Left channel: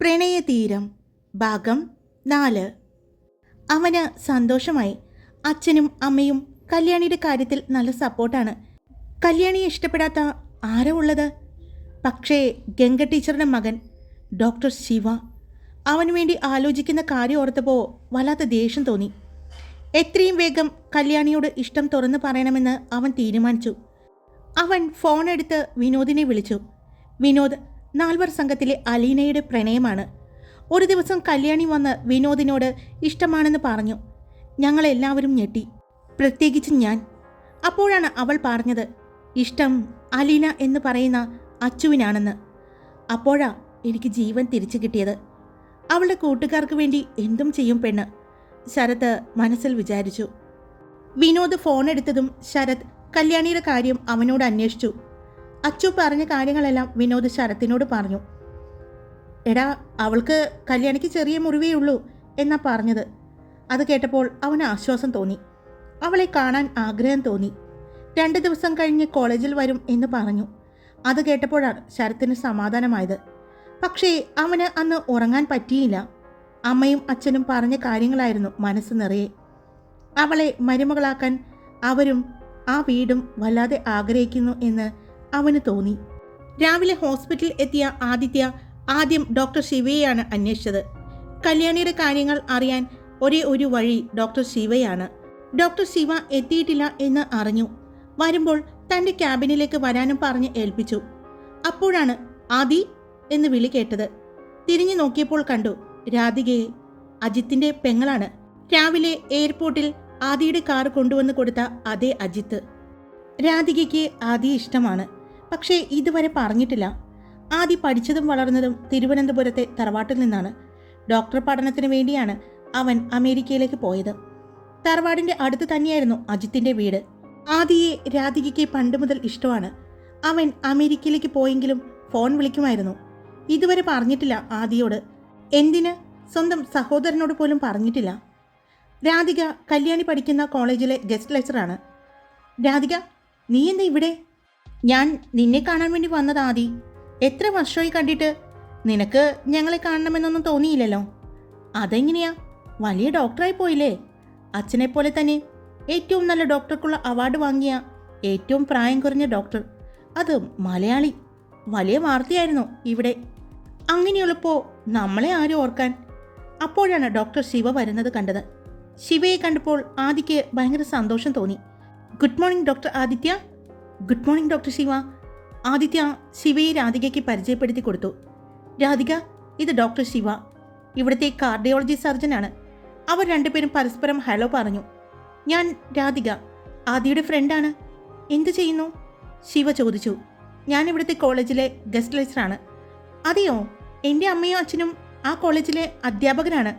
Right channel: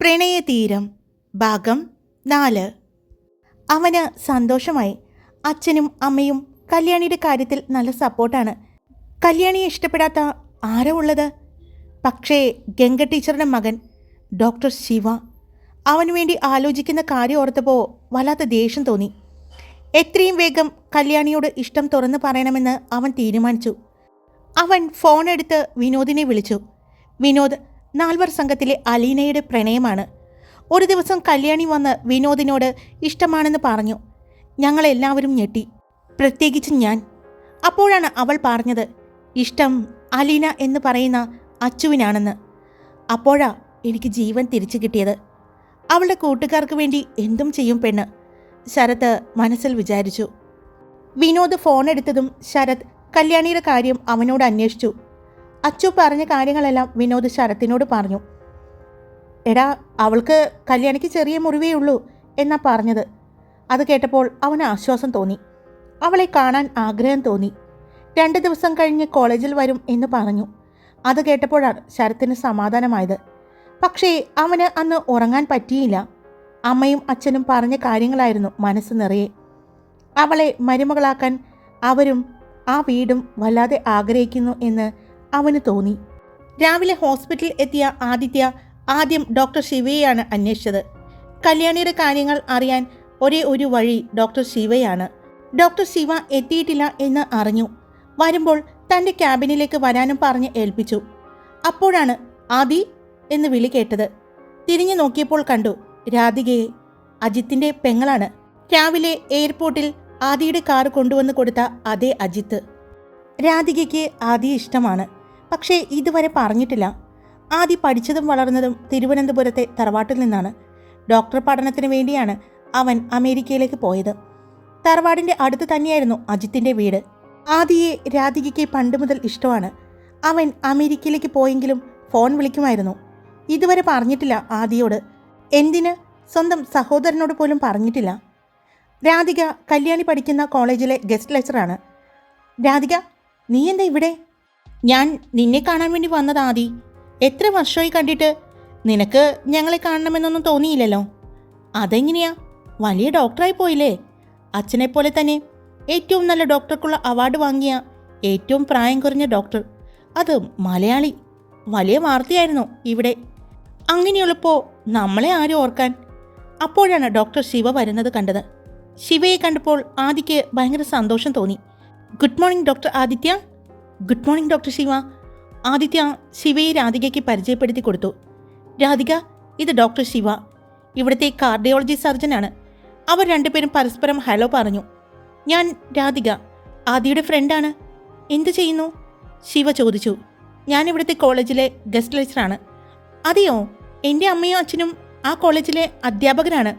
പ്രണയതീരം ഭാഗം നാല്. അവന് സന്തോഷമായി. അച്ഛനും അമ്മയും കല്യാണിയുടെ കാര്യത്തിൽ നല്ല സപ്പോർട്ടാണ്. കല്യാണിയെ ഇഷ്ടപ്പെടാത്ത ആരോ ഉള്ളത്? പക്ഷേ ഗംഗ ടീച്ചറുടെ മകൻ ഡോക്ടർ ശിവ. അവനു വേണ്ടി ആലോചിക്കുന്ന കാര്യം ഓർത്തപ്പോൾ വല്ലാത്ത ദേഷ്യം തോന്നി. എത്രയും വേഗം കല്യാണിയോട് ഇഷ്ടം തുറന്നു പറയണമെന്ന് അവൻ തീരുമാനിച്ചു. അവൻ ഫോൺ എടുത്ത് വിനോദിനെ വിളിച്ചു. വിനോദ് നാൽവർ സംഘത്തിലെ അലീനയുടെ പ്രണയമാണ്. ഒരു ദിവസം കല്യാണി വന്ന് വിനോദിനോട് ഇഷ്ടമാണെന്ന് പറഞ്ഞു. ഞങ്ങളെല്ലാവരും ഞെട്ടി. പ്രത്യേകിച്ച് ഞാൻ. അപ്പോഴാണ് അവൾ പറഞ്ഞത് ഇഷ്ടം അലീന എന്ന് പറയുന്ന അച്ചുവിനാണെന്ന്. അപ്പോഴാ എനിക്ക് ജീവൻ തിരിച്ചു കിട്ടിയത്. അവളുടെ കൂട്ടുകാർക്ക് വേണ്ടി എന്തും ചെയ്യും പെണ്ണ്. ശരത് മനസ്സിൽ വിചാരിച്ചു. വിനോദ് ഫോൺ എടുത്തതും ശരത് കല്യാണിയുടെ കാര്യം അവനോട് അന്വേഷിച്ചു. അച്ചു പറഞ്ഞ കാര്യങ്ങളെല്ലാം വിനോദ് ശരത്തിനോട് പറഞ്ഞു. എടാ അവൾക്ക് കല്യാണിക്ക് ചെറിയ മുറിവേ ഉള്ളൂ എന്നാ പറഞ്ഞത്. അത് കേട്ടപ്പോൾ അവന് ആശ്വാസം തോന്നി. അവളെ കാണാൻ ആഗ്രഹം തോന്നി. രണ്ട് ദിവസം കഴിഞ്ഞ് കോളേജിൽ വരും എന്ന് പറഞ്ഞു. അത് കേട്ടപ്പോഴാണ് ശരത്തിന് സമാധാനമായത്. പക്ഷേ അവന് അന്ന് ഉറങ്ങാൻ പറ്റിയില്ല. അമ്മയും അച്ഛനും പറഞ്ഞ കാര്യങ്ങളായിരുന്നു മനസ്സ് നിറയെ. അവളെ മരുമകളാക്കാൻ അവരും ആ വീടും വല്ലാതെ ആഗ്രഹിക്കുന്നു എന്ന് അവന് തോന്നി. രാവിലെ ഹോസ്പിറ്റലിൽ എത്തിയ ആദിത്യ ആദ്യം ഡോക്ടർ ശിവയെയാണ് അന്വേഷിച്ചത്. കല്യാണിയുടെ കാര്യങ്ങൾ അറിയാൻ ഒരേ ഒരു വഴി ഡോക്ടർ ശിവയാണ്. ഡോക്ടർ ശിവ എത്തിയിട്ടില്ല എന്ന് അറിഞ്ഞു. വരുമ്പോൾ തന്റെ ക്യാബിനിലേക്ക് വരാനും പറഞ്ഞ് ഏൽപ്പിച്ചു. അപ്പോഴാണ് ആദി എന്ന് വിളി കേട്ടത്. തിരിഞ്ഞു നോക്കിയപ്പോൾ കണ്ടു രാധികയെ അജിത്തിന്റെ പെങ്ങളാണ്. രാവിലെ എയർപോർട്ടിൽ ആദിയുടെ കാർ കൊണ്ടുവന്ന് കൊടുത്ത അതേ അജിത്ത്. രാധികയ്ക്ക് ആദി ഇഷ്ടമാണ്. പക്ഷേ ഇതുവരെ പറഞ്ഞിട്ടില്ല. ആദി പഠിച്ചതും വളർന്നതും തിരുവനന്തപുരത്തെ തറവാട്ടിൽ നിന്നാണ്. ഡോക്ടർ പഠനത്തിന് വേണ്ടിയാണ് അവൻ അമേരിക്കയിലേക്ക് പോയത്. തറവാടിന്റെ അടുത്ത് തന്നെയായിരുന്നു അജിത്തിന്റെ വീട്. ആദിയെ രാധികയ്ക്ക് പണ്ട് മുതൽ ഇഷ്ടമാണ്. അവൻ അമേരിക്കയിലേക്ക് പോയെങ്കിലും ഫോൺ വിളിക്കുമായിരുന്നു. ഇതുവരെ പറഞ്ഞിട്ടില്ല ആദിയോട്. എന്തിന്? സ്വന്തം സഹോദരനോട് പോലും പറഞ്ഞിട്ടില്ല. രാധിക കല്യാണി പഠിക്കുന്ന കോളേജിലെ ഗസ്റ്റ് ലെക്ചറാണ്. രാധിക നീ എന്താ ഇവിടെ? ഞാൻ നിന്നെ കാണാൻ വേണ്ടി വന്നത് ആദി. എത്ര വർഷമായി കണ്ടിട്ട്? നിനക്ക് ഞങ്ങളെ കാണണമെന്നൊന്നും തോന്നിയില്ലല്ലോ. അതെങ്ങനെയാ? വലിയ ഡോക്ടറായി പോയില്ലേ? അച്ഛനെ പോലെ തന്നെ ഏറ്റവും നല്ല ഡോക്ടർക്കുള്ള അവാർഡ് വാങ്ങിയ ഏറ്റവും പ്രായം കുറഞ്ഞ ഡോക്ടർ. അത് മലയാളി. വലിയ വാർത്തയായിരുന്നു ഇവിടെ. അങ്ങനെയുള്ളപ്പോൾ നമ്മളെ ആരും ഓർക്കാൻ. അപ്പോഴാണ് ഡോക്ടർ ശിവ വരുന്നത് കണ്ടത്. ശിവയെ കണ്ടപ്പോൾ ആദിക്ക് ഭയങ്കര സന്തോഷം തോന്നി. Good morning doctor Aditya. Good morning doctor Shiva. Aditya ശിവയെ രാധികയ്ക്ക് പരിചയപ്പെടുത്തി കൊടുത്തു. രാധിക ഇത് ഡോക്ടർ ശിവ. ഇവിടുത്തെ കാർഡിയോളജി സർജനാണ്. അവർ രണ്ടുപേരും പരസ്പരം ഹലോ പറഞ്ഞു. ഞാൻ രാധിക ആദിയുടെ ഫ്രണ്ടാണ്. എന്ത് ചെയ്യുന്നു? ശിവ ചോദിച്ചു. ഞാൻ ഇവിടുത്തെ കോളേജിലെ ഗസ്റ്റ് ലെക്ചറാണ്. അതെയോ? എന്റെ അമ്മയും അച്ഛനും ആ കോളേജിലെ അധ്യാപകരാണ്.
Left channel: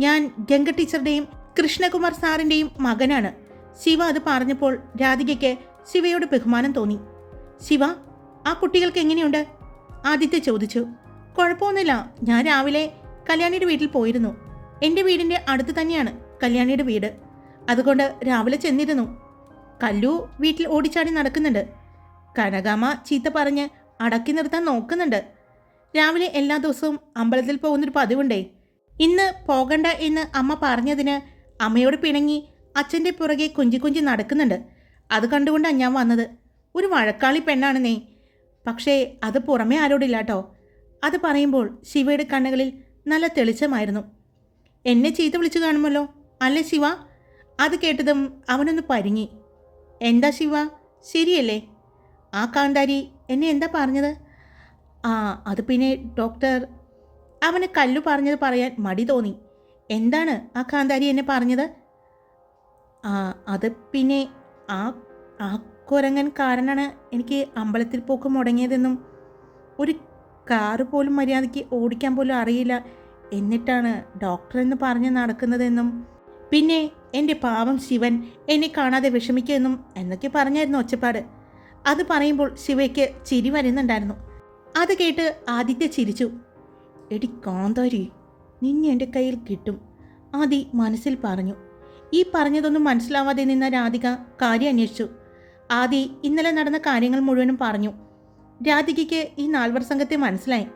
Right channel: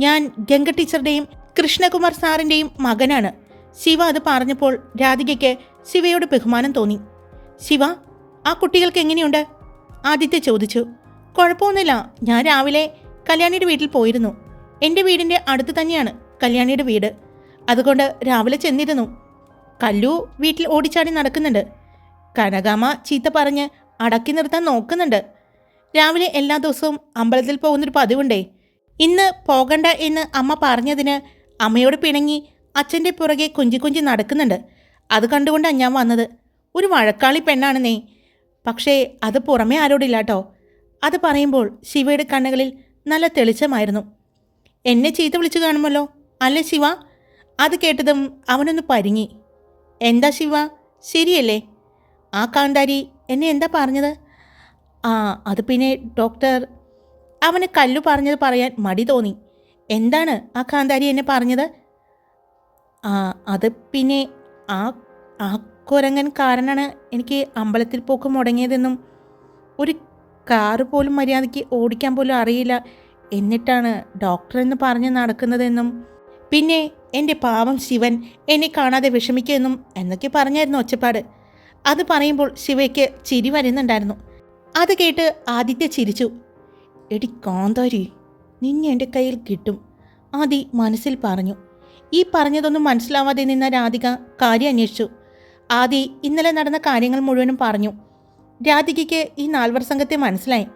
ഞാൻ ഗംഗ ടീച്ചറുടെയും കൃഷ്ണകുമാർ സാറിന്റെയും മകനാണ്. ശിവ അത് പറഞ്ഞപ്പോൾ രാധികയ്ക്ക് ശിവയോട് ബഹുമാനം തോന്നി. ശിവ ആ കുട്ടികൾക്ക് എങ്ങനെയുണ്ട്? ആദിത്യ ചോദിച്ചു. കുഴപ്പമൊന്നുമില്ല ഞാൻ രാവിലെ കല്യാണിയുടെ വീട്ടിൽ പോയിരുന്നു. എന്റെ വീടിന്റെ അടുത്ത് തന്നെയാണ് കല്യാണിയുടെ വീട്. അതുകൊണ്ട് രാവിലെ ചെന്നിരുന്നു. കല്ലു വീട്ടിൽ ഓടിച്ചാടി നടക്കുന്നുണ്ട്. കനകാമ ചീത്ത പറഞ്ഞ് അടക്കി നിർത്താൻ നോക്കുന്നുണ്ട്. രാവിലെ എല്ലാ ദിവസവും അമ്പലത്തിൽ പോകുന്നൊരു പതിവുണ്ടേ. ഇന്ന് പോകണ്ട എന്ന് അമ്മ പറഞ്ഞതിന് അമ്മയോട് പിണങ്ങി അച്ഛന്റെ പുറകെ കുഞ്ചി കുഞ്ചി നടക്കുന്നുണ്ട്. അത് കണ്ടുകൊണ്ടാണ് ഞാൻ വന്നത്. ഒരു വഴക്കാളി പെണ്ണാണെന്നേ. പക്ഷേ അത് പുറമേ ആരോടില്ല കേട്ടോ അത് പറയുമ്പോൾ ശിവയുടെ കണ്ണുകളിൽ നല്ല തെളിച്ചമായിരുന്നു. എന്നെ ചീത്ത വിളിച്ചു കാണുമല്ലോ? അല്ലേ ശിവ? അത് കേട്ടതും അവനൊന്ന് പരിങ്ങി. എന്താ ശിവ? ശരിയല്ലേ? ആ കാന്താരി എന്നെ എന്താ പറഞ്ഞത്? ആ അത് പിന്നെ ഡോക്ടർ അവന് കല്ലു പറഞ്ഞത് പറയാൻ മടി തോന്നി. എന്താണ് ആ കാന്താരി എന്നെ പറഞ്ഞത്? ആ അത് പിന്നെ ആ ആ കുരങ്ങൻ കാരണമാണ് എനിക്ക് അമ്പലത്തിൽ പോക്ക് മുടങ്ങിയതെന്നും ഒരു കാറ് പോലും മര്യാദയ്ക്ക് ഓടിക്കാൻ പോലും അറിയില്ല എന്നിട്ടാണ് ഡോക്ടർ എന്ന് പറഞ്ഞ് നടക്കുന്നതെന്നും പിന്നെ എന്റെ പാവം ശിവൻ എന്നെ കാണാതെ വിഷമിക്കുമെന്നും എന്നൊക്കെ പറഞ്ഞായിരുന്നു ഒച്ചപ്പാട്. അത് പറയുമ്പോൾ ശിവയ്ക്ക് ചിരി വരുന്നുണ്ടായിരുന്നു. അത് കേട്ട് ആദിത്യ ചിരിച്ചു. എടി കാന്താരി നിന്നെ എന്റെ കയ്യിൽ കിട്ടും ആദി മനസ്സിൽ പറഞ്ഞു. ഈ പറഞ്ഞതൊന്നും മനസ്സിലാവാതെ നിന്ന രാധിക കാര്യം അന്വേഷിച്ചു. ആദി ഇന്നലെ നടന്ന കാര്യങ്ങൾ മുഴുവനും പറഞ്ഞു. രാധികയ്ക്ക് ഈ നാൽവർ സംഘത്തെ മനസ്സിലായി.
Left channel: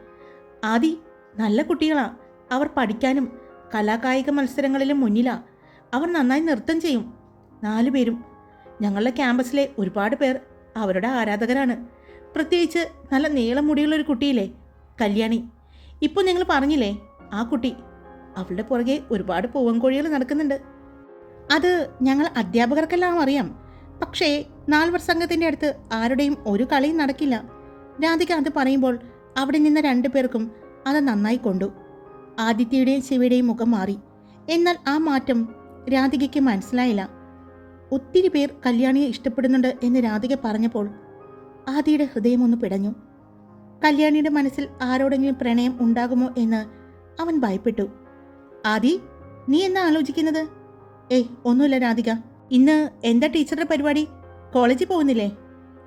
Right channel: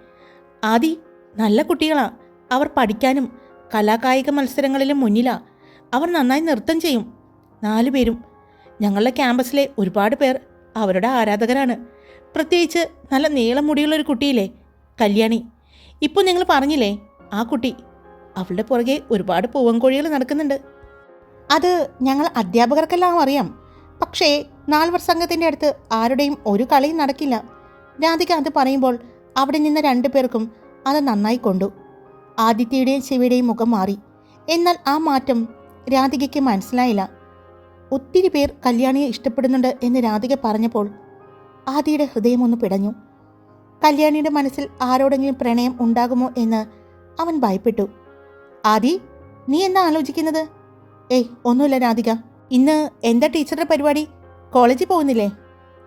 ആദി നല്ല കുട്ടികളാ. അവർ പഠിക്കാനും കലാകായിക മത്സരങ്ങളിലും മുന്നിലാ. അവർ നന്നായി നൃത്തം ചെയ്യും. നാലു പേരും. ഞങ്ങളുടെ ക്യാമ്പസിലെ ഒരുപാട് പേർ അവരുടെ ആരാധകരാണ്. പ്രത്യേകിച്ച് നല്ല നീളം മുടിയുള്ളൊരു കുട്ടിയില്ലേ? കല്യാണി. ഇപ്പോൾ നിങ്ങൾ പറഞ്ഞില്ലേ ആ കുട്ടി അവളുടെ പുറകെ ഒരുപാട് പൂവൻകോഴികൾ നടക്കുന്നുണ്ട്. അത് ഞങ്ങൾ അധ്യാപകർക്കെല്ലാം അറിയാം. പക്ഷേ നാൽവർ സംഘത്തിന്റെ അടുത്ത് ആരുടെയും ഒരു കളിയും നടക്കില്ല. രാധിക അത് പറയുമ്പോൾ അവിടെ നിന്ന് രണ്ടു പേർക്കും അത് നന്നായി കൊണ്ടു. ആദിത്യയുടെയും ശിവയുടെയും മുഖം മാറി. എന്നാൽ ആ മാറ്റം രാധികയ്ക്ക് മനസ്സിലായില്ല. ഒത്തിരി പേർ കല്യാണിയെ ഇഷ്ടപ്പെടുന്നുണ്ട് എന്ന് രാധിക പറഞ്ഞപ്പോൾ ആദിയുടെ ഹൃദയമൊന്ന് പിടഞ്ഞു. കല്യാണിയുടെ മനസ്സിൽ ആരോടെങ്കിലും പ്രണയം ഉണ്ടാകുമോ എന്ന് അവൻ ഭയപ്പെട്ടു. ആദി നീ എന്താ ആലോചിക്കുന്നത്? ഏയ് ഒന്നുമില്ല രാധിക. ഇന്ന് എന്താ ടീച്ചറുടെ പരിപാടി? കോളേജിൽ പോകുന്നില്ലേ?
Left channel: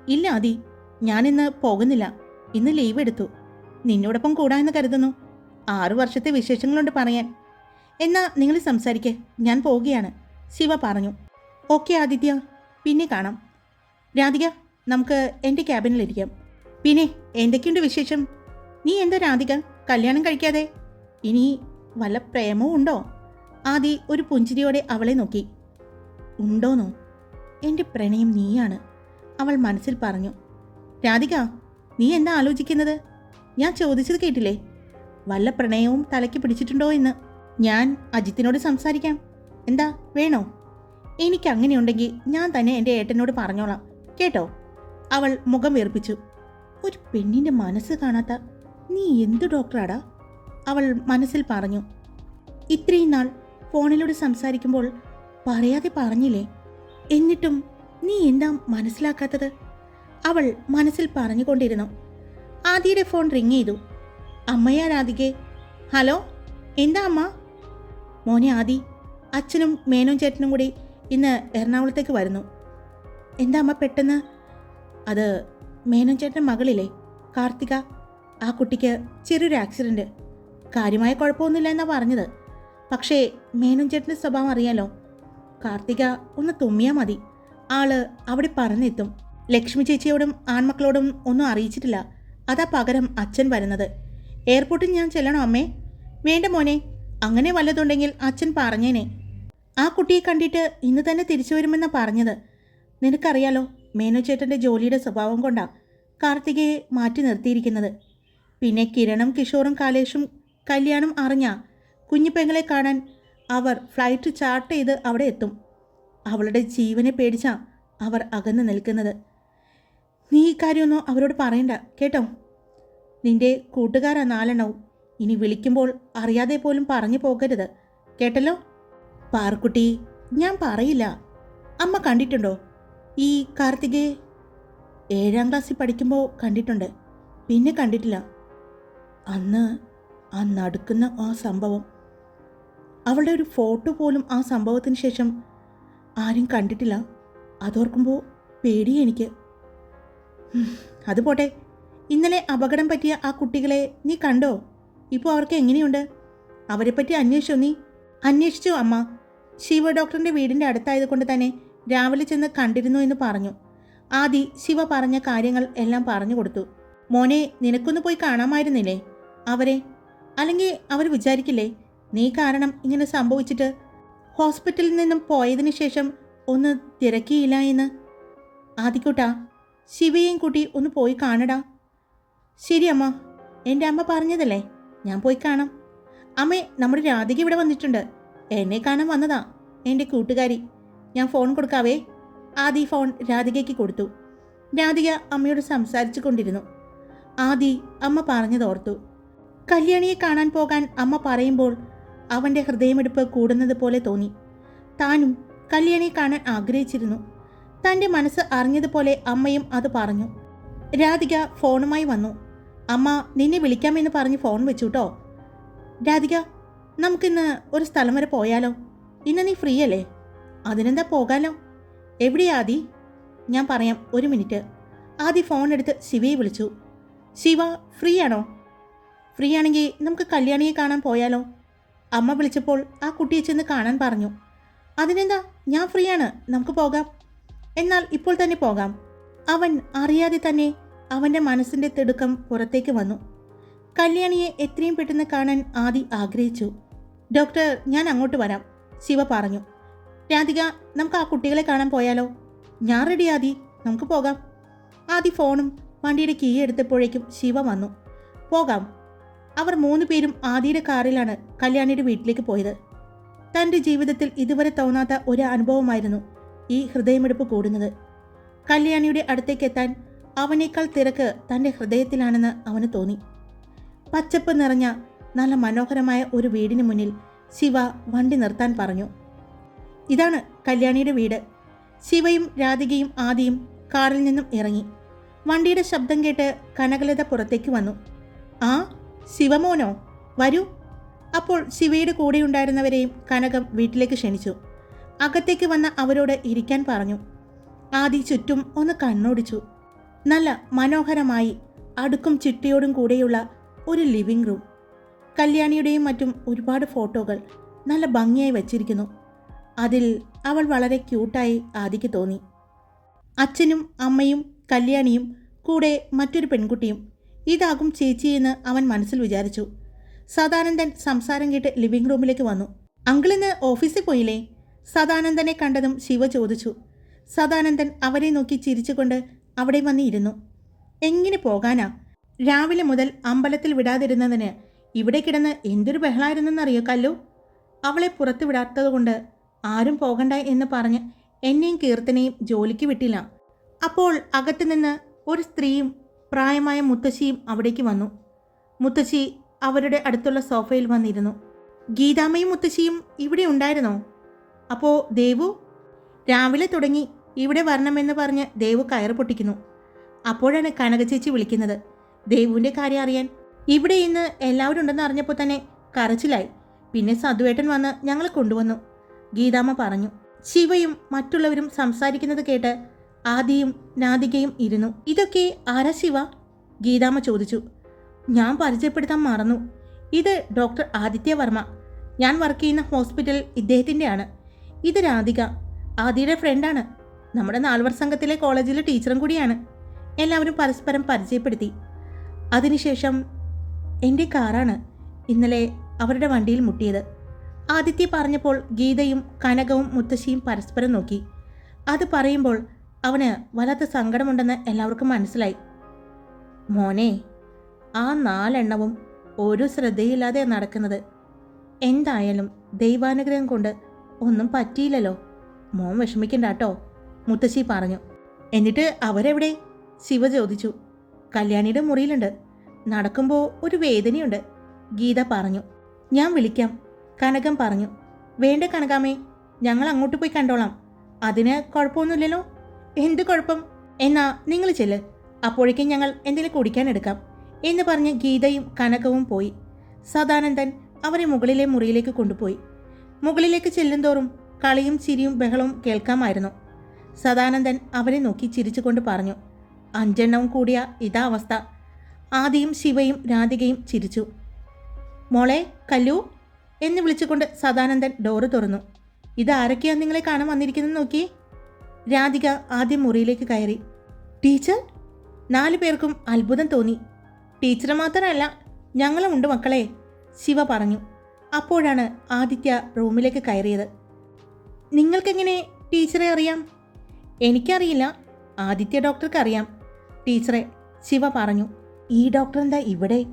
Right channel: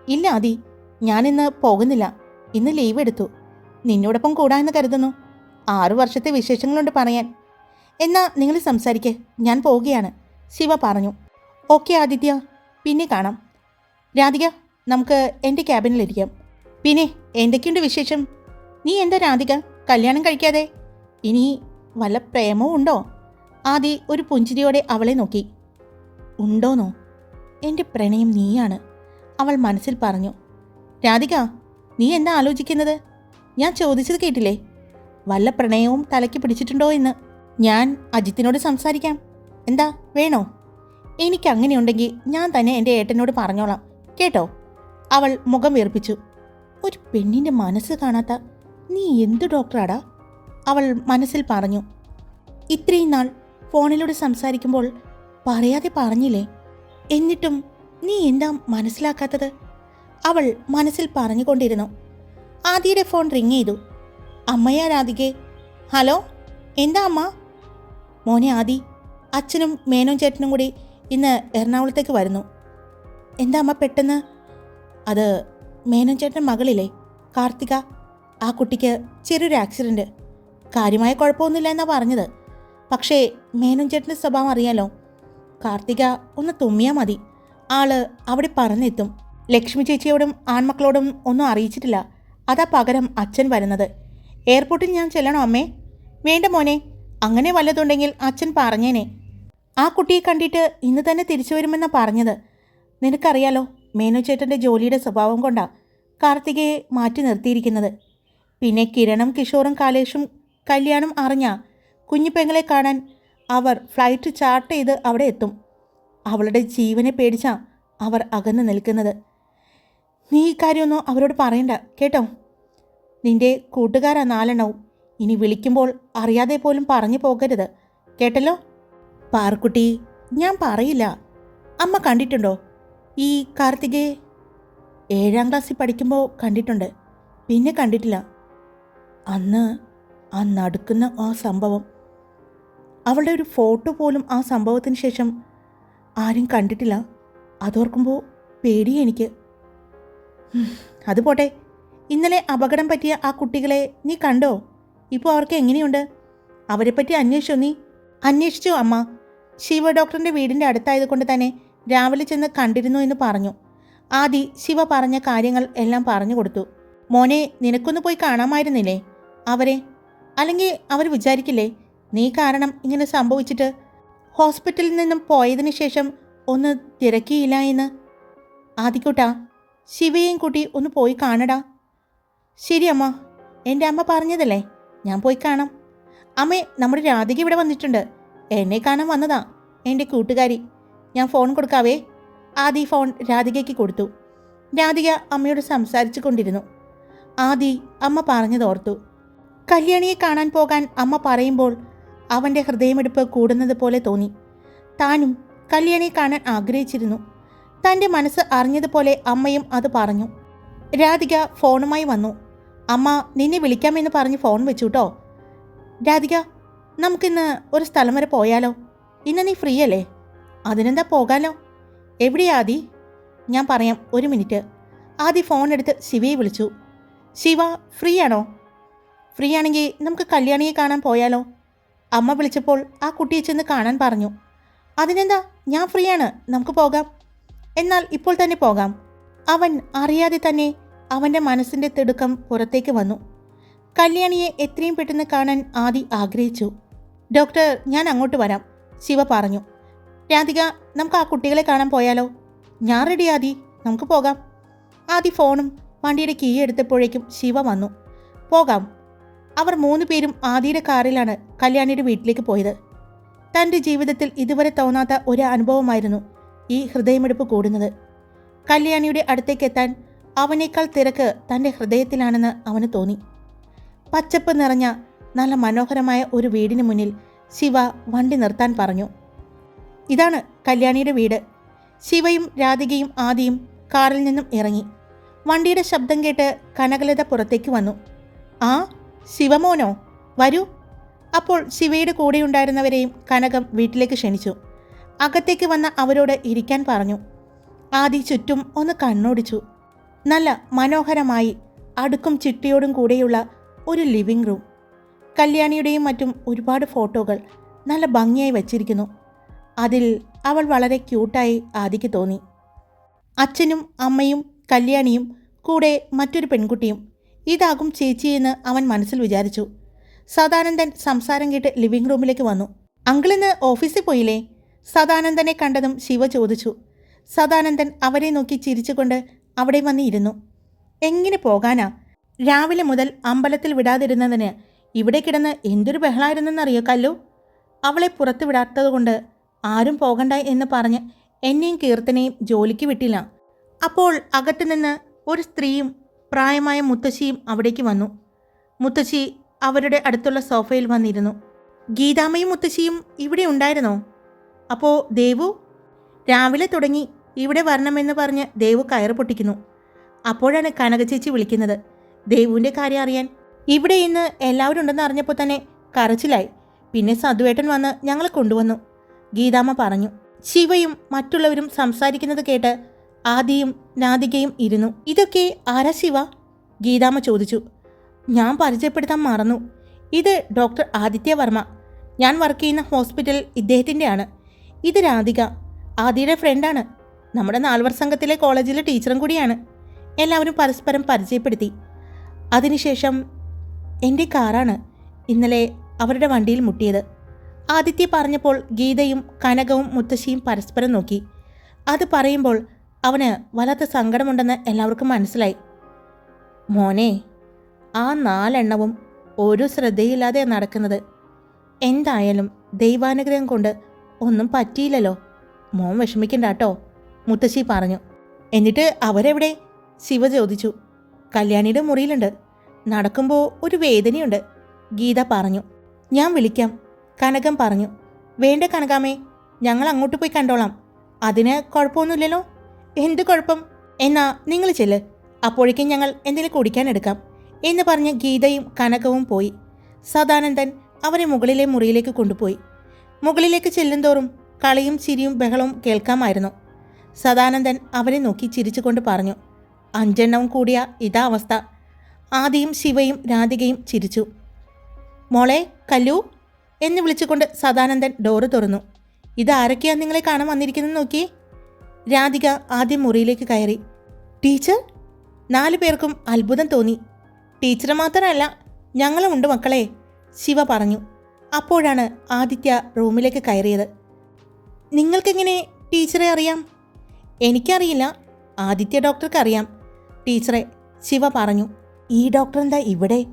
ഇല്ല ആദി. ഞാനിന്ന് പോകുന്നില്ല. ഇന്ന് ലീവ് എടുത്തു. നിന്നോടൊപ്പം കൂടാമെന്ന് കരുതുന്നു. ആറു വർഷത്തെ വിശേഷങ്ങളുണ്ട് പറയാൻ. എന്നാ നിങ്ങൾ സംസാരിക്കേ. ഞാൻ പോവുകയാണ്. ശിവ പറഞ്ഞു. ഓക്കെ ആദിത്യ. പിന്നെ കാണാം. രാധിക നമുക്ക് എന്റെ ക്യാബിനിലിരിക്കാം. പിന്നെ എന്തൊക്കെയുണ്ട് വിശേഷം? നീ എന്താ രാധിക? കല്യാണം കഴിക്കാതെ? ഇനി വല്ല പ്രേമവും ഉണ്ടോ? ആദി ഒരു പുഞ്ചിരിയോടെ അവളെ നോക്കി. ഉണ്ടോന്നോ? എന്റെ പ്രണയം നീയാണ് അവൾ മനസ്സിൽ പറഞ്ഞു. രാധിക നീ എന്താ ആലോചിക്കുന്നത്? ഞാൻ ചോദിച്ചത് കേട്ടില്ലേ? വല്ല പ്രണയവും തലയ്ക്ക് പിടിച്ചിട്ടുണ്ടോ എന്ന്? ഞാൻ അജിത്തിനോട് സംസാരിക്കാം. എന്താ വേണോ? എനിക്ക് അങ്ങനെയുണ്ടെങ്കിൽ ഞാൻ തന്നെ എന്റെ ഏട്ടനോട് പറഞ്ഞോളാം കേട്ടോ? അവൾ മുഖം വീർപ്പിച്ചു. ഒരു പെണ്ണിന്റെ മനസ്സ് കാണാത്ത നീ എന്ത് ഡോക്ടറാടാ? അവൾ മനസ്സിൽ പറഞ്ഞു. ഇത്രയും നാൾ ഫോണിലൂടെ സംസാരിക്കുമ്പോൾ പറയാതെ പറഞ്ഞില്ലേ? എന്നിട്ടും നീ എന്താ മനസ്സിലാക്കാത്തത്? അവൾ മനസ്സിൽ പറഞ്ഞുകൊണ്ടിരുന്നു. ആദിയുടെ ഫോൺ റിങ് ചെയ്തു. അമ്മയാ രാധികെ. ഹലോ? എന്താ അമ്മ? മോനെ ആദി അച്ഛനും മേനോൻ ചേട്ടനും കൂടി ഇന്ന് എറണാകുളത്തേക്ക് വരുന്നു. എന്താ അമ്മ പെട്ടെന്ന്? അത് മേനോൻ ചേട്ടൻ മകളില്ലേ? കാർത്തിക. ആ കുട്ടിക്ക് ചെറിയൊരു ആക്സിഡന്റ് കാര്യമായ കുഴപ്പമൊന്നുമില്ല എന്നാ പറഞ്ഞത്. പക്ഷേ മേനോൻ ചേട്ടന്റെ സ്വഭാവം അറിയാലോ? കാർത്തിക ഒന്ന് തുമ്മിയാൽ മതി. ആൾ അവിടെ പറഞ്ഞെത്തും. ലക്ഷ്മി ചേച്ചിയോടും ആൺമക്കളോടും ഒന്നും അറിയിച്ചിട്ടില്ല. അതാ പകരം അച്ഛൻ വരുന്നത്. എയർപോർട്ടിൽ ഞാൻ ചെല്ലണോ അമ്മേ? വേണ്ട മോനെ അങ്ങനെ വല്ലതുണ്ടെങ്കിൽ അച്ഛൻ പറഞ്ഞേനെ. ആ കുട്ടിയെ കണ്ടിട്ട് ഇന്ന് തന്നെ തിരിച്ചു വരുമെന്നാണ് പറഞ്ഞത്. നിനക്കറിയാലോ മേനു ചേട്ടന്റെ ജോലിയുടെ സ്വഭാവം കൊണ്ടാണ് കാർത്തികയെ മാറ്റി നിർത്തിയിരിക്കുന്നത്. പിന്നെ കിരണും കിഷോറും കാലേഷും കല്യാണം അറിഞ്ഞ കുഞ്ഞിപ്പെങ്ങളെ കാണാൻ അവർ ഫ്ലൈറ്റ് ചാർട്ട് ചെയ്ത് അവിടെ എത്തും. അവളുടെ ജീവനെ പേടിച്ചാ അവർ അകന്നു നിൽക്കുന്നത്. നീ ഈ കാര്യമൊന്നും അവരോട് പറയണ്ട കേട്ടോ? നിന്റെ കൂട്ടുകാരാ നാലെണ്ണവും. ഇനി വിളിക്കുമ്പോൾ അറിയാതെ പോലും പറഞ്ഞു പോകരുത് കേട്ടല്ലോ? പാർക്കുട്ടി ഞാൻ പറയില്ല. അമ്മ കണ്ടിട്ടുണ്ടോ? ഈ കാർത്തികയെ ഏഴാം ക്ലാസ്സിൽ പഠിക്കുമ്പോൾ കണ്ടിട്ടുണ്ട്. പിന്നെ കണ്ടിട്ടില്ല. അന്ന് ആ നടക്കുന്ന ആ സംഭവം അവളുടെ ഒരു ഫോട്ടോ പോലും ആ സംഭവത്തിന് ശേഷം ആരും കണ്ടിട്ടില്ല. അതോർക്കുമ്പോൾ പേടി എനിക്ക്. അത് പോട്ടെ. ഇന്നലെ അപകടം പറ്റിയ ആ കുട്ടികളെ നീ കണ്ടോ? ഇപ്പോൾ അവർക്ക് എങ്ങനെയുണ്ട്? അവരെപ്പറ്റി അന്വേഷിച്ചോ നീ? അന്വേഷിച്ചു അമ്മ. ശിവ ഡോക്ടറിന്റെ വീടിന്റെ അടുത്തായത് കൊണ്ട് തന്നെ രാവിലെ ചെന്ന് കണ്ടിരുന്നു എന്ന് പറഞ്ഞു. ആദി ശിവ പറഞ്ഞ കാര്യങ്ങൾ എല്ലാം പറഞ്ഞു കൊടുത്തു. മോനെ നിനക്കൊന്ന് പോയി കാണാമായിരുന്നില്ലേ? അവരെ? അല്ലെങ്കിൽ അവർ വിചാരിക്കില്ലേ? നീ കാരണം ഇങ്ങനെ സംഭവിച്ചിട്ട് ഹോസ്പിറ്റലിൽ നിന്നും പോയതിനു ശേഷം ഒന്ന് തിരക്കിയില്ല എന്ന്? ആദിക്കുട്ടാ ശിവയെയും കൂട്ടി ഒന്ന് പോയി കാണടാ. ശരി അമ്മ എന്റെ അമ്മ പറഞ്ഞതല്ലേ ഞാൻ പോയി കാണാം. അമ്മേ നമ്മുടെ രാധിക ഇവിടെ വന്നിട്ടുണ്ട്. എന്നെ കാണാൻ വന്നതാ എന്റെ കൂട്ടുകാരി. ഞാൻ ഫോൺ കൊടുക്കാവേ. ആദി ഫോൺ രാധികയ്ക്ക് കൊടുത്തു. രാധിക അമ്മയോട് സംസാരിച്ചു കൊണ്ടിരുന്നു. ആദി അമ്മ പറഞ്ഞതോർത്തു. കല്യാണിയെ കാണാൻ പോകാൻ അമ്മ പറയുമ്പോൾ അവന്റെ ഹൃദയമെടുപ്പ് കൂടുന്നത് പോലെ തോന്നി. താനും കല്യാണിയെ കാണാൻ ആഗ്രഹിച്ചിരുന്നു. തന്റെ മനസ്സ് അറിഞ്ഞതുപോലെ അമ്മയും അത് പറഞ്ഞു. രാധിക ഫോണുമായി വന്നു. അമ്മ നിന്നെ വിളിക്കാമെന്ന് പറഞ്ഞ് ഫോൺ വെച്ചു കേട്ടോ രാധിക നമുക്കിന്ന് ഒരു സ്ഥലം വരെ പോയാലോ? ഇന്ന് നീ ഫ്രീ അല്ലേ? അതിനെന്താ പോകാലോ? എവിടെയാ ആദി? ഞാൻ പറയാം ഒരു മിനിറ്റ്. ആദി ഫോൺ എടുത്ത് ശിവയെ വിളിച്ചു. ശിവ ഫ്രീ ആണോ ഫ്രീ ആണെങ്കിൽ നമുക്ക് കല്യാണിയെ കാണാൻ പോയാലോ? അമ്മ വിളിച്ചപ്പോൾ ആ കുട്ടിയെ ചെന്ന് കാണാൻ പറഞ്ഞു. അതിനെന്താ? ഞാൻ ഫ്രീ ആണ് നമുക്ക് പോകാം. എന്നാൽ ഇപ്പോൾ തന്നെ പോകാം. അവൻ അറിയാതെ തന്നെ അവന്റെ മനസ്സിന്റെ തിടുക്കം പുറത്തേക്ക് വന്നു. കല്യാണിയെ എത്രയും പെട്ടെന്ന് കാണാൻ ആദി ആഗ്രഹിച്ചു. ഡോക്ടർ ഞാൻ അങ്ങോട്ട് വരാം. ശിവ പറഞ്ഞു. രാധിക നമുക്ക് ആ കുട്ടികളെ കാണാൻ പോയാലോ? ഞാൻ റെഡി ആദി. നമുക്ക് പോകാം. ആദി ഫോണും വണ്ടിയുടെ കീ എടുത്തപ്പോഴേക്കും ശിവ വന്നു. പോകാം. അവർ മൂന്ന് പേരും ആദിയുടെ കാറിലാണ് കല്യാണിയുടെ വീട്ടിലേക്ക് പോയത്. തന്റെ ജീവിതത്തിൽ ഇതുവരെ തോന്നാത്ത ഒരു അനുഭവമായിരുന്നു ഈ ഹൃദയമെടുപ്പ് കൂടുന്നത്. കല്യാണിയുടെ അടുത്തേക്ക് എത്താൻ അവനേക്കാൾ തിരക്ക് തന്റെ ഹൃദയത്തിലാണെന്ന് അവന് തോന്നി. പച്ചപ്പ് നിറഞ്ഞ നല്ല മനോഹരമായ ഒരു വീടിന് മുന്നിൽ ശിവ വണ്ടി നിർത്താൻ പറഞ്ഞു. ഇതാണ് കല്യാണിയുടെ വീട്. ശിവയും രാധികയും ആദിയും കാറിൽ നിന്നും ഇറങ്ങി. വണ്ടിയുടെ ശബ്ദം കേട്ട് കനകലത പുറത്തേക്ക് വന്നു. ശിവമോനോ വരൂ. അപ്പോൾ ശിവയുടെ കൂടെയുണ്ടായിരുന്നവരെയും കനകം വീട്ടിലേക്ക് ക്ഷണിച്ചു. അകത്തേക്ക് വന്ന അവരോട് ഇരിക്കാൻ പറഞ്ഞു. ആദി ചുറ്റും ഒന്ന് കണ്ണോടിച്ചു. നല്ല മനോഹരമായി അടുക്കും ചിട്ടിയോടും കൂടെയുള്ള ഒരു ലിവിംഗ് റൂം. കല്യാണിയുടെയും മറ്റും ഒരുപാട് ഫോട്ടോകൾ നല്ല ഭംഗിയായി വച്ചിരിക്കുന്നു. അതിൽ അവൾ വളരെ ക്യൂട്ടായി ആദിക്ക് തോന്നി. അച്ഛനും അമ്മയും കല്യാണിയും കൂടെ മറ്റൊരു പെൺകുട്ടിയും ഇതാകും ചേച്ചിയെന്ന് അവൻ മനസ്സിൽ വിചാരിച്ചു. സദാനന്ദൻ സംസാരം കേട്ട് ലിവിംഗ് റൂമിലേക്ക് വന്നു. അങ്കിളിന്ന് ഓഫീസിൽ പോയില്ലേ? സദാനന്ദനെ കണ്ടതും ശിവ ചോദിച്ചു. സദാനന്ദൻ അവരെ നോക്കി ചിരിച്ചുകൊണ്ട് അവിടെ വന്നിരുന്നു. എങ്ങനെ പോകാനാ? രാവിലെ മുതൽ അമ്പലത്തിൽ വിടാതിരുന്നതിന് ഇവിടെ കിടന്ന് എന്തൊരു ബഹളായിരുന്നെന്നറിയോ കല്ലു? അവളെ പുറത്തു വിടാത്തതുകൊണ്ട് ആരും പോകണ്ട എന്ന് പറഞ്ഞ് എന്നെയും കീർത്തനെയും ജോലിക്ക് വിട്ടില്ല. അപ്പോൾ അകത്തുനിന്ന് ഒരു സ്ത്രീയും പ്രായമായ മുത്തശ്ശിയും അവിടേക്ക് വന്നു. മുത്തശ്ശി അവരുടെ അടുത്തുള്ള സോഫയിൽ വന്നിരുന്നു. ഗീതാമ്മയും മുത്തശ്ശിയും ഇവിടെ ഉണ്ടായിരുന്നോ? അപ്പോൾ ദേവു? രാവിലെ തുടങ്ങി ഇവിടെ വരണമെന്ന് പറഞ്ഞ് ദേവു കയറ് പൊട്ടിക്കുന്നു. അപ്പോഴാണ് കനക ചേച്ചി വിളിക്കുന്നത്. ദേവുവിന്റെ കാര്യം അറിയാൻ. ഇവിടെ ഇന്ന് എല്ലാവരും ഉണ്ടെന്ന് അറിഞ്ഞപ്പോൾ തന്നെ കരച്ചിലായി. പിന്നെ സദുവേട്ടൻ വന്ന് ഞങ്ങളെ കൊണ്ടുവന്നു. ഗീതാമ്മ പറഞ്ഞു. ശിവയും മറ്റുള്ളവരും സംസാരിക്കുന്നത് കേട്ട് ആദിയും നാദികയും ഇരുന്നു. ഇതൊക്കെ ആരാ ശിവ ഗീതാമ്മ ചോദിച്ചു. ഞാൻ പരിചയപ്പെടുത്താൻ മറന്നു. ഇത് ഡോക്ടർ ആദിത്യവർമ്മ. ഞാൻ വർക്ക് ചെയ്യുന്ന ഹോസ്പിറ്റൽ ഇദ്ദേഹത്തിന്റെയാണ്. ഇത് രാധിക ആദിയുടെ ഫ്രണ്ടാണ് നമ്മുടെ നാൽവർ സംഘത്തിലെ കോളേജിലെ ടീച്ചറും കൂടിയാണ്. എല്ലാവരും പരസ്പരം പരിചയപ്പെടുത്തി. അതിനുശേഷം എന്റെ കാറാണ് ഇന്നലെ അവരുടെ വണ്ടിയിൽ മുട്ടിയത്. ആദിത്യ പറഞ്ഞപ്പോൾ ഗീതയും കനകവും മുത്തശ്ശിയും പരസ്പരം നോക്കി. അത് പറയുമ്പോൾ അവന് വല്ലാത്ത സങ്കടമുണ്ടെന്ന് എല്ലാവർക്കും മനസ്സിലായി. മോനെ ആ നാലെണ്ണവും ഒരു ശ്രദ്ധയില്ലാതെ നടക്കുന്നത്. എന്തായാലും ദൈവാനുഗ്രഹം കൊണ്ട് ഒന്നും പറ്റിയില്ലല്ലോ. മോൻ വിഷമിക്കണ്ട കേട്ടോ മുത്തശ്ശി പറഞ്ഞു. എന്നിട്ട് അവരെവിടെ? ശിവ ചോദിച്ചു. കല്യാണിയുടെ മുറിയിലുണ്ട്. നടക്കുമ്പോൾ ഒരു വേദനയുണ്ട്. ഗീത പറഞ്ഞു. ഞാൻ വിളിക്കാം. കനകം പറഞ്ഞു. വേണ്ട കനകാമേ ഞങ്ങൾ അങ്ങോട്ട് പോയി കണ്ടോളാം. അതിന് കുഴപ്പമൊന്നുമില്ലല്ലോ. എന്ത് കുഴപ്പം? എന്നാ നിങ്ങൾ ചെല്ല്. അപ്പോഴേക്കും ഞങ്ങൾ എന്തെങ്കിലും കുടിക്കാനെടുക്കാം എന്ന് പറഞ്ഞ് ഗീതയും കനകവും പോയി. സദാനന്ദൻ അവരെ മുകളിലെ മുറിയിലേക്ക് കൊണ്ടുപോയി. മുകളിലേക്ക് ചെല്ലുന്തോറും കളിയും ചിരിയും ബഹളവും കേൾക്കാമായിരുന്നു. സദാനന്ദൻ അവരെ നോക്കി ചിരിച്ചുകൊണ്ട് പറഞ്ഞു അഞ്ചെണ്ണവും കൂടിയ ഇതാ അവസ്ഥ. ആദിയും ശിവയും രാധികയും ചിരിച്ചു. മോളെ കല്ലു എന്ന് വിളിച്ചുകൊണ്ട് സദാനന്ദൻ ഡോറ് തുറന്നു. ഇതാരൊക്കെയാണ് നിങ്ങളെ കാണാൻ വന്നിരിക്കുന്നത് നോക്കി രാധിക ആദ്യം മുറിയിലേക്ക് കയറി. ടീച്ചർ നാലു പേർക്കും അത്ഭുതം തോന്നി. ടീച്ചർ മാത്രമല്ല ഞങ്ങളും ഉണ്ട് മക്കളെ ശിവ പറഞ്ഞു. അപ്പോഴാണ് ആദിത്യ റൂമിലേക്ക് കയറിയത്. നിങ്ങൾക്കെങ്ങനെ ടീച്ചറെ അറിയാം? എനിക്കറിയില്ല. ആദിത്യ ഡോക്ടർക്ക് അറിയാം ടീച്ചറെ ശിവ പറഞ്ഞു. ഈ ഡോക്ടർ എന്താ ഇവിടെ?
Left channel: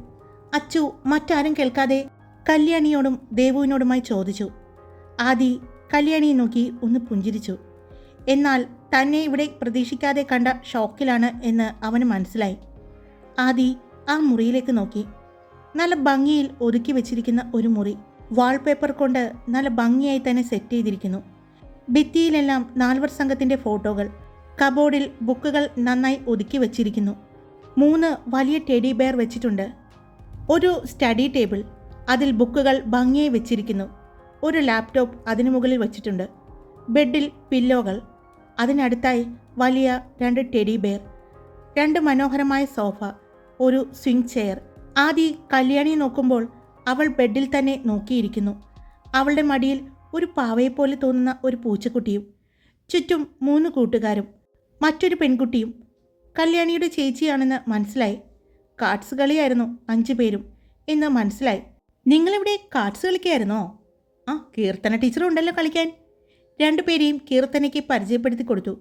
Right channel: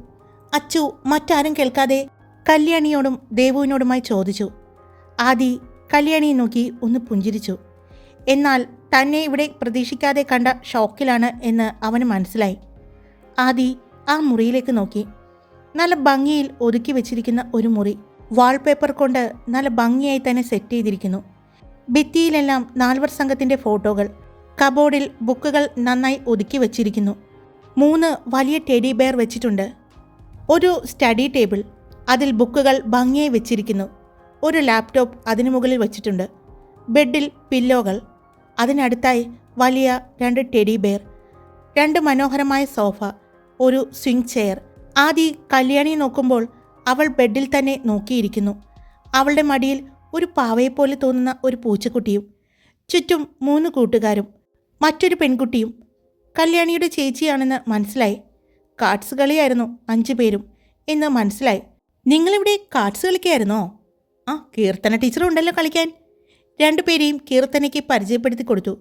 അച്ചു മറ്റാരും കേൾക്കാതെ കല്യാണിയോടും ദേവുവിനോടുമായി ചോദിച്ചു. ആദി കല്യാണിയെ നോക്കി ഒന്ന് പുഞ്ചിരിച്ചു. എന്നാൽ തന്നെ ഇവിടെ പ്രതീക്ഷിക്കാതെ കണ്ട ഷോക്കിലാണ് എന്ന് അവന് മനസ്സിലായി. ആദി ആ മുറിയിലേക്ക് നോക്കി. നല്ല ഭംഗിയിൽ ഒതുക്കി വെച്ചിരിക്കുന്ന ഒരു മുറി വാൾപേപ്പർ കൊണ്ട് നല്ല ഭംഗിയായി തന്നെ സെറ്റ് ചെയ്തിരിക്കുന്നു. ഭിത്തിയിലെല്ലാം നാൽവർ സംഘത്തിന്റെ ഫോട്ടോകൾ കബോർഡിൽ ബുക്കുകൾ നന്നായി ഒതുക്കി വെച്ചിരിക്കുന്നു. മൂന്ന് വലിയ ടെഡി ബെയർ വെച്ചിട്ടുണ്ട്. ഒരു സ്റ്റഡി ടേബിൾ അതിൽ ബുക്കുകൾ ഭംഗിയായി വെച്ചിരിക്കുന്നു. ഒരു ലാപ്ടോപ്പ് അതിനു മുകളിൽ വെച്ചിട്ടുണ്ട്. ബെഡിൽ പില്ലോകൾ അതിനടുത്തായി വലിയ രണ്ട് ടെഡി ബെയർ രണ്ട് മനോഹരമായ സോഫ ഒരു സ്വിംഗ് ചെയർ. ആദി കല്യാണിയെ നോക്കുമ്പോൾ അവൾ ബെഡിൽ തന്നെ നോക്കിയിരിക്കുന്നു. അവളുടെ മടിയിൽ ഒരു പാവയെപ്പോലെ തോന്നുന്ന ഒരു പൂച്ചക്കുട്ടിയും ചുറ്റും മൂന്ന് കൂട്ടുകാരും മറ്റൊരു പെൺകുട്ടിയും. കല്യാണിയുടെ ചേച്ചിയാണെന്ന് മനസ്സിലായി. കാർഡ്സ് കളിയായിരുന്നു അഞ്ചു പേരും എന്ന് മനസ്സിലായി. നിങ്ങളിവിടെ കാർഡ്സ് കളിക്കായിരുന്നോ? ആ കീർത്തന ടീച്ചറും ഉണ്ടല്ലോ കളിക്കാൻ. രണ്ടുപേരെയും കീർത്തനയ്ക്ക് പരിചയപ്പെടുത്തി കൊടുത്തു.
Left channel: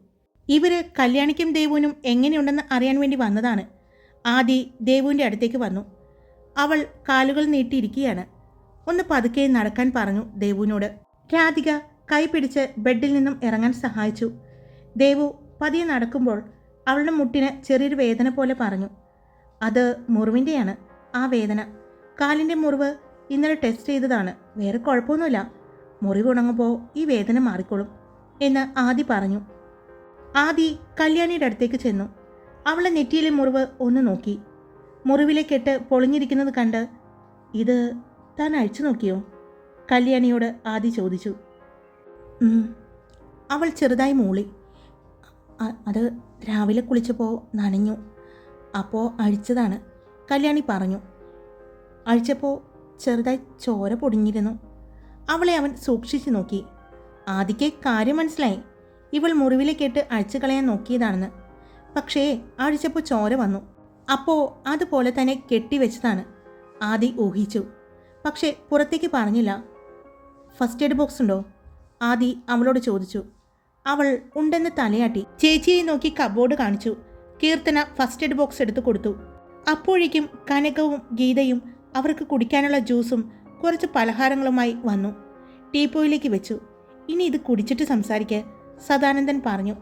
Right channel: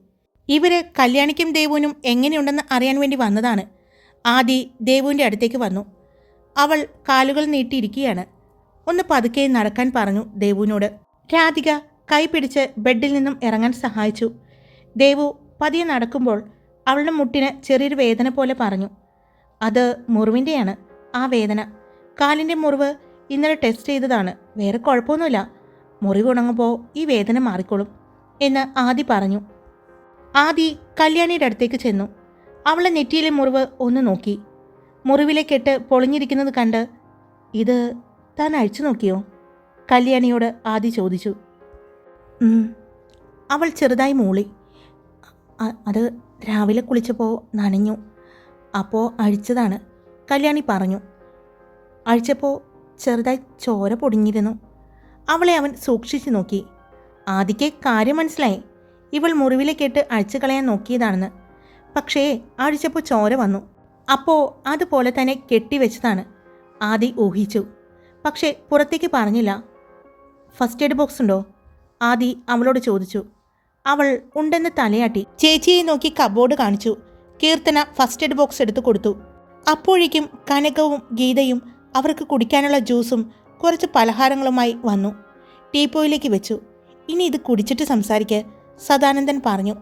ഇവർ കല്യാണിക്കും ദേവുവിനും എങ്ങനെയുണ്ടെന്ന് അറിയാൻ വേണ്ടി വന്നതാണ്. ആദി ദേവുവിന്റെ അടുത്തേക്ക് വന്നു. അവൾ കാലുകൾ നീട്ടിയിരിക്കുകയാണ്. ഒന്ന് പതുക്കെ നടക്കാൻ പറഞ്ഞു ദേവുവിനോട്. രാധിക കൈ പിടിച്ച് ബെഡിൽ നിന്നും ഇറങ്ങാൻ സഹായിച്ചു. ദേവു പതിയെ നടക്കുമ്പോൾ അവളുടെ മുട്ടിന് ചെറിയൊരു വേദന പോലെ പറഞ്ഞു. അത് മുറിവിന്റെയാണ് ആ വേദന. കാലിന്റെ മുറിവ് ഇന്നലെ ടെസ്റ്റ് ചെയ്തതാണ്. വേറെ കുഴപ്പമൊന്നുമില്ല. മുറിവ് ഉണങ്ങുമ്പോൾ ഈ വേദന മാറിക്കോളും എന്ന് ആദി പറഞ്ഞു. ആദി കല്യാണിയുടെ അടുത്തേക്ക് ചെന്നു. അവളെ നെറ്റിയിലെ മുറിവ് ഒന്ന് നോക്കി. മുറിവിലെ കെട്ട് പൊളിഞ്ഞിരിക്കുന്നത് കണ്ട് ഇത് താൻ അഴിച്ചു നോക്കിയോ? കല്യാണിയോട് ആദി ചോദിച്ചു. അവൾ ചെറുതായി മൂളി. അത് രാവിലെ കുളിച്ചപ്പോൾ നനഞ്ഞു. അപ്പോൾ അഴിച്ചതാണ്. കല്യാണി പറഞ്ഞു. അഴിച്ചപ്പോൾ ചെറുതായി ചോര പൊടിഞ്ഞിരുന്നു. അവളെ അവൻ സൂക്ഷിച്ചു നോക്കി. ആദിക്ക് കാര്യം മനസ്സിലായി. ഇവൾ മുറിവിലെ കേട്ട് അഴിച്ചു കളയാൻ നോക്കിയതാണെന്ന്. പക്ഷേ അഴിച്ചപ്പോൾ ചോര വന്നു. അപ്പോൾ അതുപോലെ തന്നെ കെട്ടിവെച്ചതാണ് ആദി ഊഹിച്ചു. പക്ഷേ പുറത്തേക്ക് പറഞ്ഞില്ല. ഫസ്റ്റ് എയ്ഡ് ബോക്സ് ഉണ്ടോ? ആദി അവളോട് ചോദിച്ചു. അവൾ ഉണ്ടെന്ന് തലയാട്ടി. ചേച്ചിയെ നോക്കി കബോർഡ് കാണിച്ചു. കീർത്തന ഫസ്റ്റ് എയ്ഡ് ബോക്സ് എടുത്തു കൊടുത്തു. അപ്പോഴേക്കും കനകവും ഗീതയും അവർക്ക് കുടിക്കാനുള്ള ജ്യൂസും കുറച്ച് പലഹാരങ്ങളുമായി വന്നു. ടീപ്പോയിലേക്ക് വെച്ചു. ഇനി ഇത് കുടിച്ചിട്ട് സംസാരിക്ക് സദാനന്ദൻ പറഞ്ഞു.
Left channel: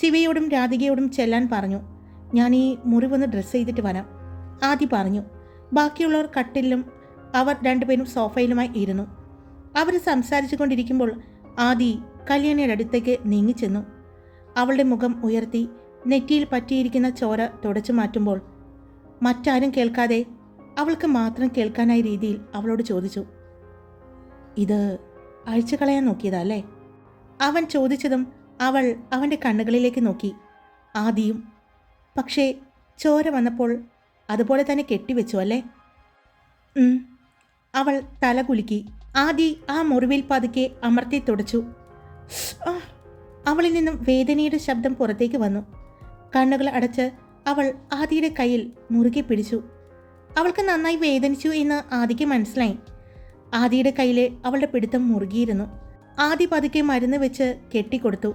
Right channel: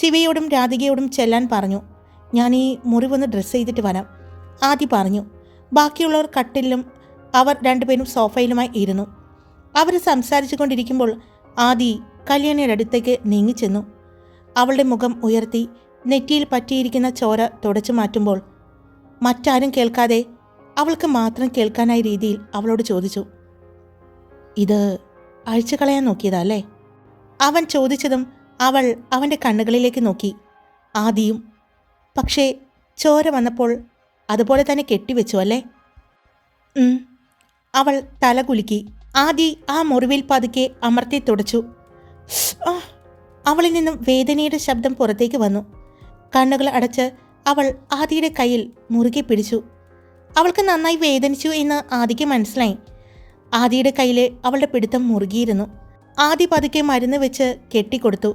ശിവയോടും രാധികയോടും ചെല്ലാൻ പറഞ്ഞു. ഞാൻ ഈ മുറിവൊന്ന് ഡ്രസ്സ് ചെയ്തിട്ട് വരാം. ആദ്യ പറഞ്ഞു. ബാക്കിയുള്ളവർ കട്ടിലും അവർ രണ്ടുപേരും സോഫയിലുമായി ഇരുന്നു. അവർ സംസാരിച്ചു കൊണ്ടിരിക്കുമ്പോൾ ആദി കല്യാണിയുടെ അടുത്തേക്ക് നീങ്ങിച്ചെന്നു അവളുടെ മുഖം ഉയർത്തി നെറ്റിയിൽ പറ്റിയിരിക്കുന്ന ചോര തുടച്ചു മാറ്റുമ്പോൾ മറ്റാരും കേൾക്കാതെ അവൾക്ക് മാത്രം കേൾക്കാനായ രീതിയിൽ അവളോട് ചോദിച്ചു ഇത് അഴിച്ചു കളയാൻ നോക്കിയതല്ലേ? അവൻ ചോദിച്ചതും അവൾ അവന്റെ കണ്ണുകളിലേക്ക് നോക്കി ആദിയും പക്ഷേ ചോര വന്നപ്പോൾ അതുപോലെ തന്നെ കെട്ടിവെച്ചു അല്ലേ? അവൾ തല കുലുക്കി ആദി ആ മുറിവിൽ പതുക്കെ അമർത്തി തുടച്ചു! അവളിൽ നിന്നും വേദനയുടെ ശബ്ദം പുറത്തേക്ക് വന്നു. കണ്ണുകൾ അടച്ച് അവൾ ആദിയുടെ കയ്യിൽ മുറുകെ പിടിച്ചു. അവൾക്ക് നന്നായി വേദനിച്ചു എന്ന് ആദിക്ക് മനസ്സിലായി. ആദിയുടെ കയ്യിലെ അവളുടെ പിടുത്തം മുറുകിയിരുന്നു. ആദി പതുക്കെ മരുന്ന് വെച്ച് കെട്ടിക്കൊടുത്തു.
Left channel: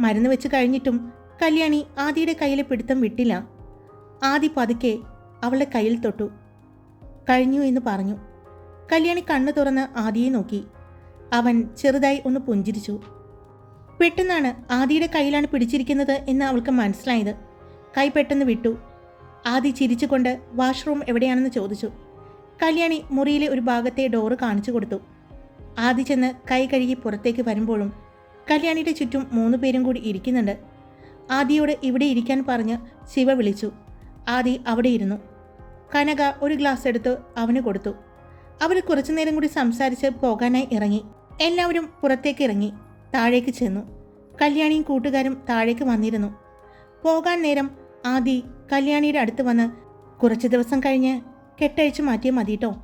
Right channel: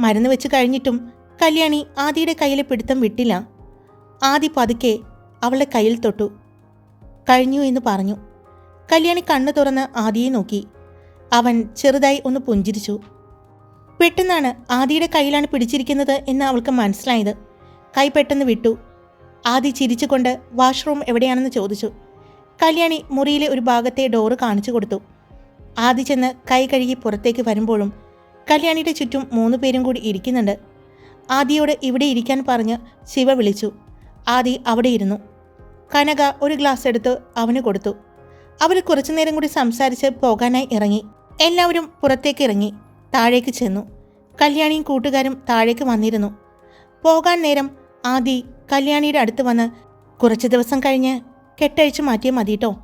മരുന്ന് വെച്ച് കഴിഞ്ഞിട്ടും കല്യാണി ആദിയുടെ കയ്യിലെ പിടുത്തം വിട്ടില്ല. ആദി പതുക്കെ അവളുടെ കയ്യിൽ തൊട്ടു. കഴിഞ്ഞു എന്ന് പറഞ്ഞു. കല്യാണി കണ്ണു തുറന്ന് ആദിയെ നോക്കി. അവൻ ചെറുതായി ഒന്ന് പുഞ്ചിരിച്ചു. പെട്ടെന്നാണ് ആദിയുടെ കയ്യിലാണ് പിടിച്ചിരിക്കുന്നത് എന്ന് അവൾക്ക് മനസ്സിലായത്. കൈ പെട്ടെന്ന് വിട്ടു. ആദി ചിരിച്ചുകൊണ്ട് വാഷ്റൂം എവിടെയാണെന്ന് ചോദിച്ചു. കല്യാണി മുറിയിലെ ഒരു ഭാഗത്തെ ഡോറ് കാണിച്ചു കൊടുത്തു. ആദി ചെന്ന് കൈ കഴുകി പുറത്തേക്ക് വരുമ്പോഴും കല്യാണിയുടെ ചുറ്റും മൂന്ന് പേരും കൂടി ഇരിക്കുന്നുണ്ട്. ആദിയോട് ഇവിടെ ഇരിക്കാൻ പറഞ്ഞ് ശിവ വിളിച്ചു. ആദി അവിടെ ഇരുന്നു. കനക ഒരു ഗ്ലാസ് എടുത്ത് അവന് കൊടുത്തു. അവർ കുറച്ചുനേരം കൂടി സംസാരിച്ച് പോകാനായി ഇറങ്ങി. എല്ലാവരും പുറത്തേക്ക് ഇറങ്ങി. താഴേക്ക് ചെന്നു. കല്യാണിയും കൂട്ടുകാരും താഴേക്ക് വന്നിരുന്നു. പോകാൻ നേരം ആദി കല്യാണിയുടെ അടുത്ത് വന്ന് കുറച്ച് ദിവസം കഴിഞ്ഞ് കെട്ടഴിച്ചു മാറ്റിയാൽ മതിട്ടോ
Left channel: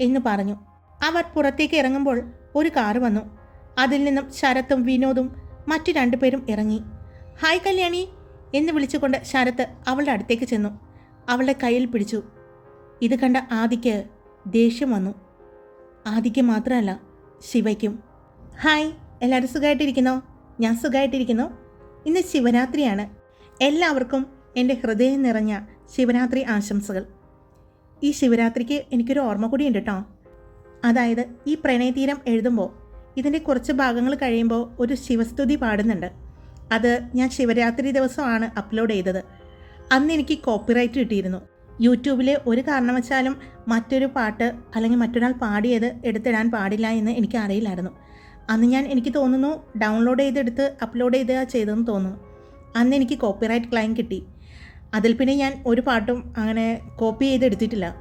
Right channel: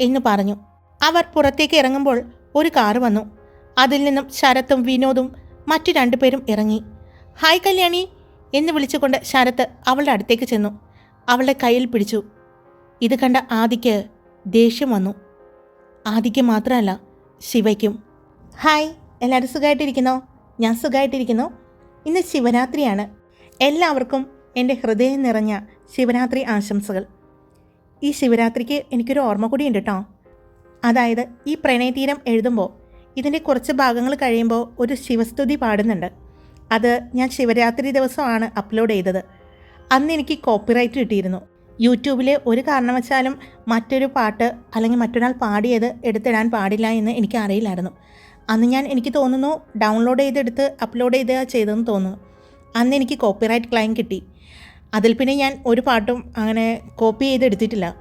എന്ന് പറഞ്ഞു. അവർ പുറത്തേക്ക് ഇറങ്ങുമ്പോൾ ഒരു കാറ് വന്നു. അതിൽ നിന്നും ശരത്തും വിനോദും മറ്റു രണ്ടുപേരും ഇറങ്ങി. ഹായ് കല്യാണി എന്ന് വിളിച്ചുകൊണ്ട് ശരത്ത് അവളുടെ അടുത്തേക്ക് ചെന്നു. അവളുടെ കയ്യിൽ പിടിച്ചു. ഇത് കണ്ട ആദിക്ക് ദേഷ്യം വന്നു. ആദിക്ക് മാത്രമല്ല ശിവയ്ക്കും. ഹായ് എല്ലാവരും സുഖമായിട്ടിരിക്കുന്നോ? ഞാൻ സുഖമായിട്ടിരിക്കുന്നു. ഇന്ന് ശിവരാത്രിയാണ്. എല്ലാവർക്കും എന്റെ ഹൃദയം നിറഞ്ഞ ശിവരാത്രി ആശംസകൾ. ഈ ശിവരാത്രിക്ക് എനിക്കൊരു ഓർമ്മ കൂടി ഉണ്ട് കേട്ടോ. അതായത് ഈ പ്രണയതീരം എഴുതുമ്പോൾ ഇതിന്റെ കുറച്ച് ഭാഗങ്ങൾ കഴിയുമ്പോൾ ഒരു ശിവസ്തുതി പാടുന്നുണ്ട്. അത് ഞാൻ ശിവരാത്രി ദിവസമാണ് അപ്ലോഡ് ചെയ്തത്. അന്ന് എനിക്ക് കോപ്പിറൈറ്റ് കിട്ടിയിരുന്നു. യൂട്യൂബിൽ ഒരു കാരണവശാലും മറ്റൊരു പാട്ട് അല്ലെങ്കിൽ മറ്റൊരാൾ പാടിയത് എടുത്തിടാൻ പാടില്ല എന്ന് എനിക്ക് അറിയില്ലായിരുന്നു. അന്ന് ഞാൻ എനിക്ക് തോന്നുന്നു ഡൗൺലോഡ് ചെയ്തെടുത്ത് അപ്ലോഡ് ചെയ്ത് ചെയ്തതെന്ന് തോന്നുന്നു. അന്ന് എനിക്ക് കോപ്പിറൈറ്റ് ക്ലെയിം കിട്ടി. അതിൽ പിന്നെ ഞാൻ ഒരു പാട്ടും അങ്ങനെ കോപ്പി ചെയ്തെടുത്തിട്ടില്ല.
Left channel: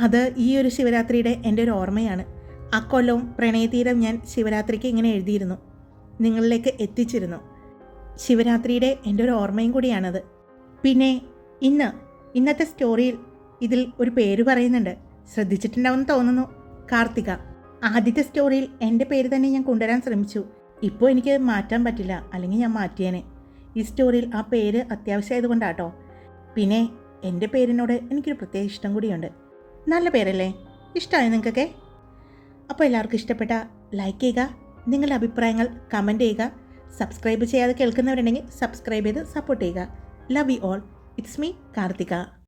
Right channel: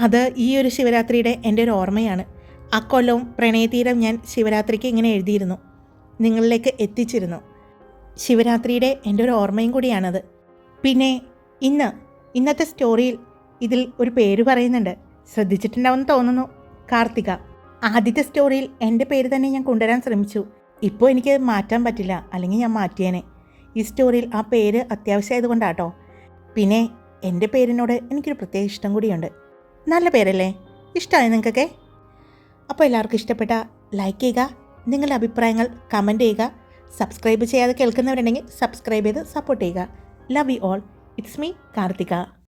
അത് ഈ ഒരു ശിവരാത്രിയുടെ എന്റെ ഒരു ഓർമ്മയാണ്. അക്കൊല്ലവും പ്രണയതീരം ഞാൻ ശിവരാത്രിക്ക് ഇങ്ങനെ എഴുതിയിരുന്നു. നിങ്ങളിലേക്ക് എത്തിച്ചിരുന്നു. ശിവരാത്രിയുടെ എന്റെ ഒരു ഓർമ്മയും കൂടിയാണത്. പിന്നെ ഇന്ന് ഇന്നത്തെ സ്റ്റോറിയിൽ ഇതിൽ ഒരു പേര് പറയുന്നുണ്ട്. ശ്രദ്ധിച്ചിട്ടുണ്ടാവുമെന്ന് തോന്നുന്നു. കാർത്തിക. ആദ്യത്തെ സ്റ്റോറിയിൽ എന്റെ പേര് തന്നെ ഞാൻ കൊണ്ടുവരാൻ ശ്രമിച്ചു. ഇപ്പോൾ എനിക്ക് മാറ്റാൻ പറ്റില്ല. അല്ലെങ്കിൽ ഞാൻ മാറ്റിയേനെ. ഈ സ്റ്റോറിയിൽ ആ പേര് അത്യാവശ്യമായതുകൊണ്ടാട്ടോ. പിന്നെ എന്റെ പേരിനോട് എനിക്കൊരു പ്രത്യേക ഇഷ്ടം കൂടിയുണ്ട്. നല്ല പേരല്ലേ? ഇഷ്ടമായി നിങ്ങൾക്കൊക്കെ? അപ്പോൾ എല്ലാവർക്കും ഇഷ്ടപ്പെട്ട ലൈക്ക് ചെയ്യുക നിങ്ങളുടെ അഭിപ്രായങ്ങൾ കമന്റ് ചെയ്യുക സബ്സ്ക്രൈബ് ചെയ്യാതെ കേൾക്കുന്നവരുണ്ടെങ്കിൽ സബ്സ്ക്രൈബ് ചെയ്ത് സപ്പോർട്ട് ചെയ്യുക. Love you all it's me Karthika.